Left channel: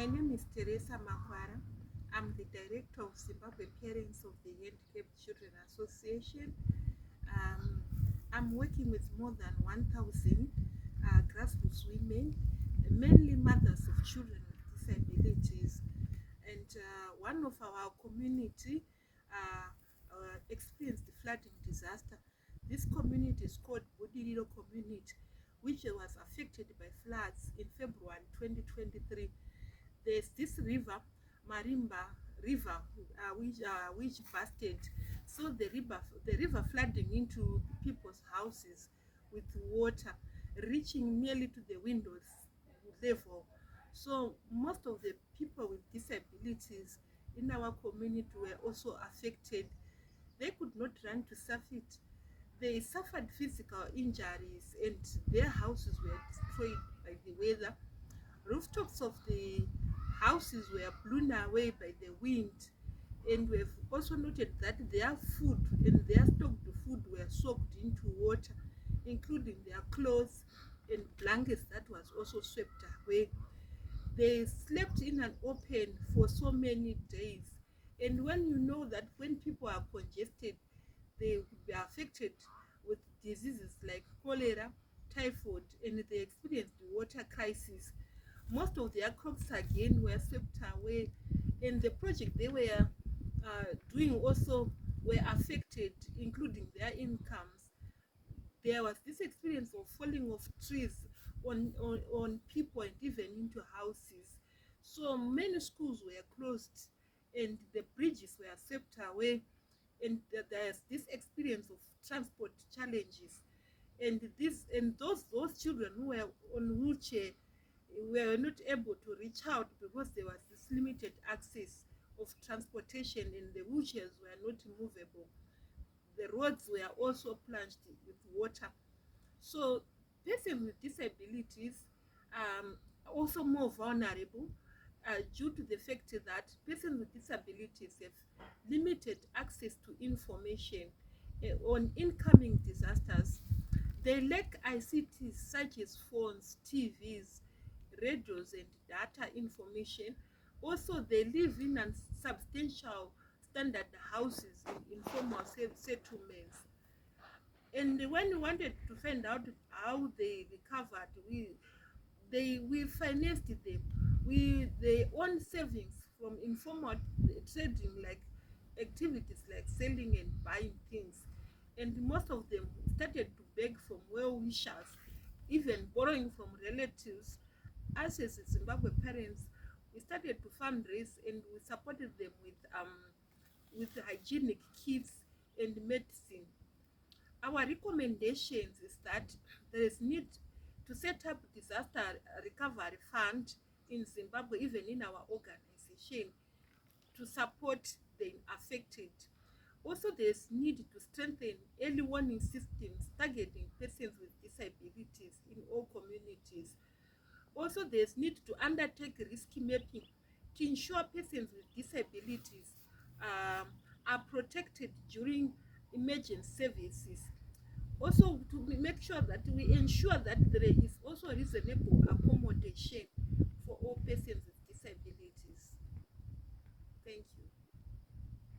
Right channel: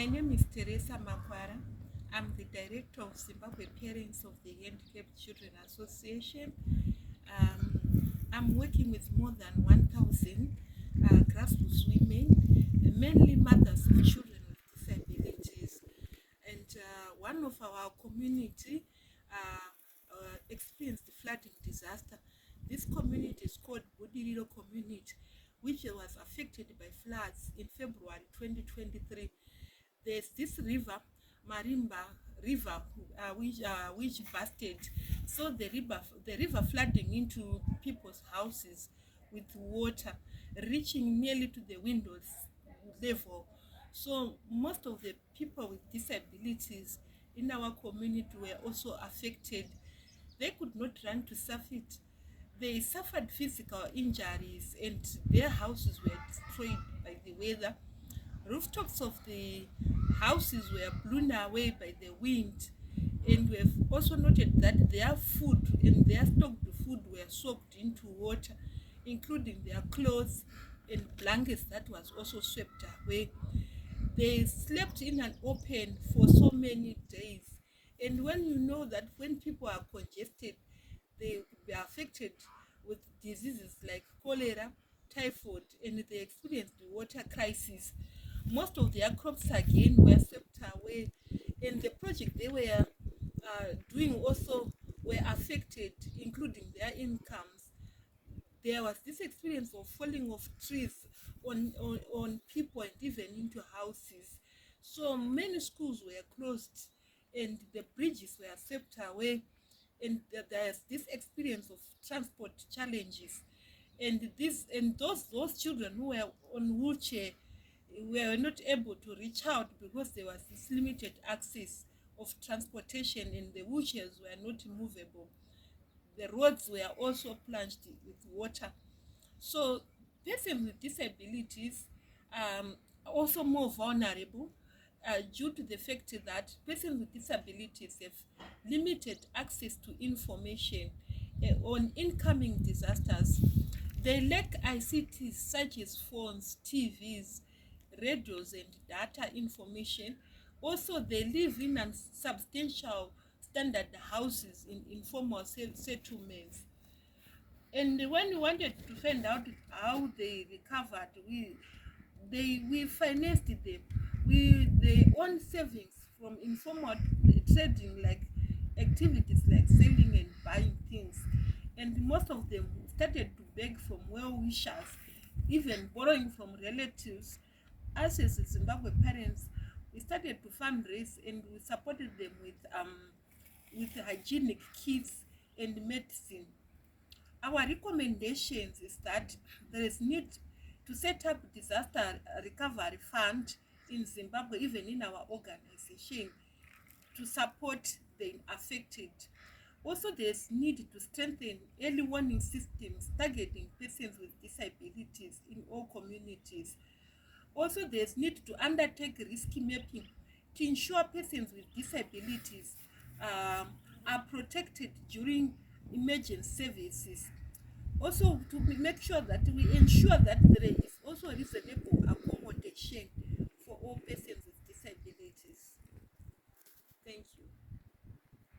My name is Theresa Makwara. I'm the director of Zimbabwe Parents of the Handicapped Children Association. I'm working with more than 1,000 grassroots women, mainly mothers of children with disabilities. And one of our community experienced the flooding disaster. This community is called Budiriro community, which was affected by floods in February 2023. There's this river, Marimba River, which busted. So the river flooding into people's houses with water, reaching nearly to the windows level. So most of the people with disabilities in our community were also affected. They could not run to surface. They suffered physical injuries and their houses were destroyed by the weather. Rooftops of the houses were blown away by the wind, and we have also noted that their food and their stocked food were soaked into water, including their clothes and blankets that was also swept away. They slept in an open for so many days, and when you know that when people are congested, they will be affected with diseases like cholera, typhoid, and they experienced the water crisis. Most of their crops again were swept away, and the project they were doing also were affected, including their incomes. There was this experience of falling of trees on people and even into houses. So many schools were closed and the bridges were swept away, and there's this experience of transport challenges. And those children who were on wheelchair were not able to reach out because there was this limited access of transportation and the wheelchairs were not movable. The roads were also plunged with water. So persons with disabilities are also more vulnerable due to the fact that persons with disabilities have limited access to information on incoming disasters. They lack ICTs such as phones, TVs, radios, and data information. Also, they live in unsubstantial standard houses in informal settlements. And when we wanted to find out how they recovered, we financed them. They own savings from informal trading, like activities like selling and buying things. And most of them started to beg from well-wishers, even borrowing from relatives. Us as Zimbabwe parents, we started to fundraise and we supported them with hygienic kits and medicine. Our recommendations is that there is need to set up disaster recovery fund in Zimbabwe, even in our organization, to support the affected. Also, there's need to strengthen early warning systems targeting persons with disabilities in all communities. Also, there's need to undertake risk mapping to ensure persons with disabilities are protected during emergency services. Also, to make sure that we ensure that there is also reasonable accommodation for all persons with disabilities. Thank you.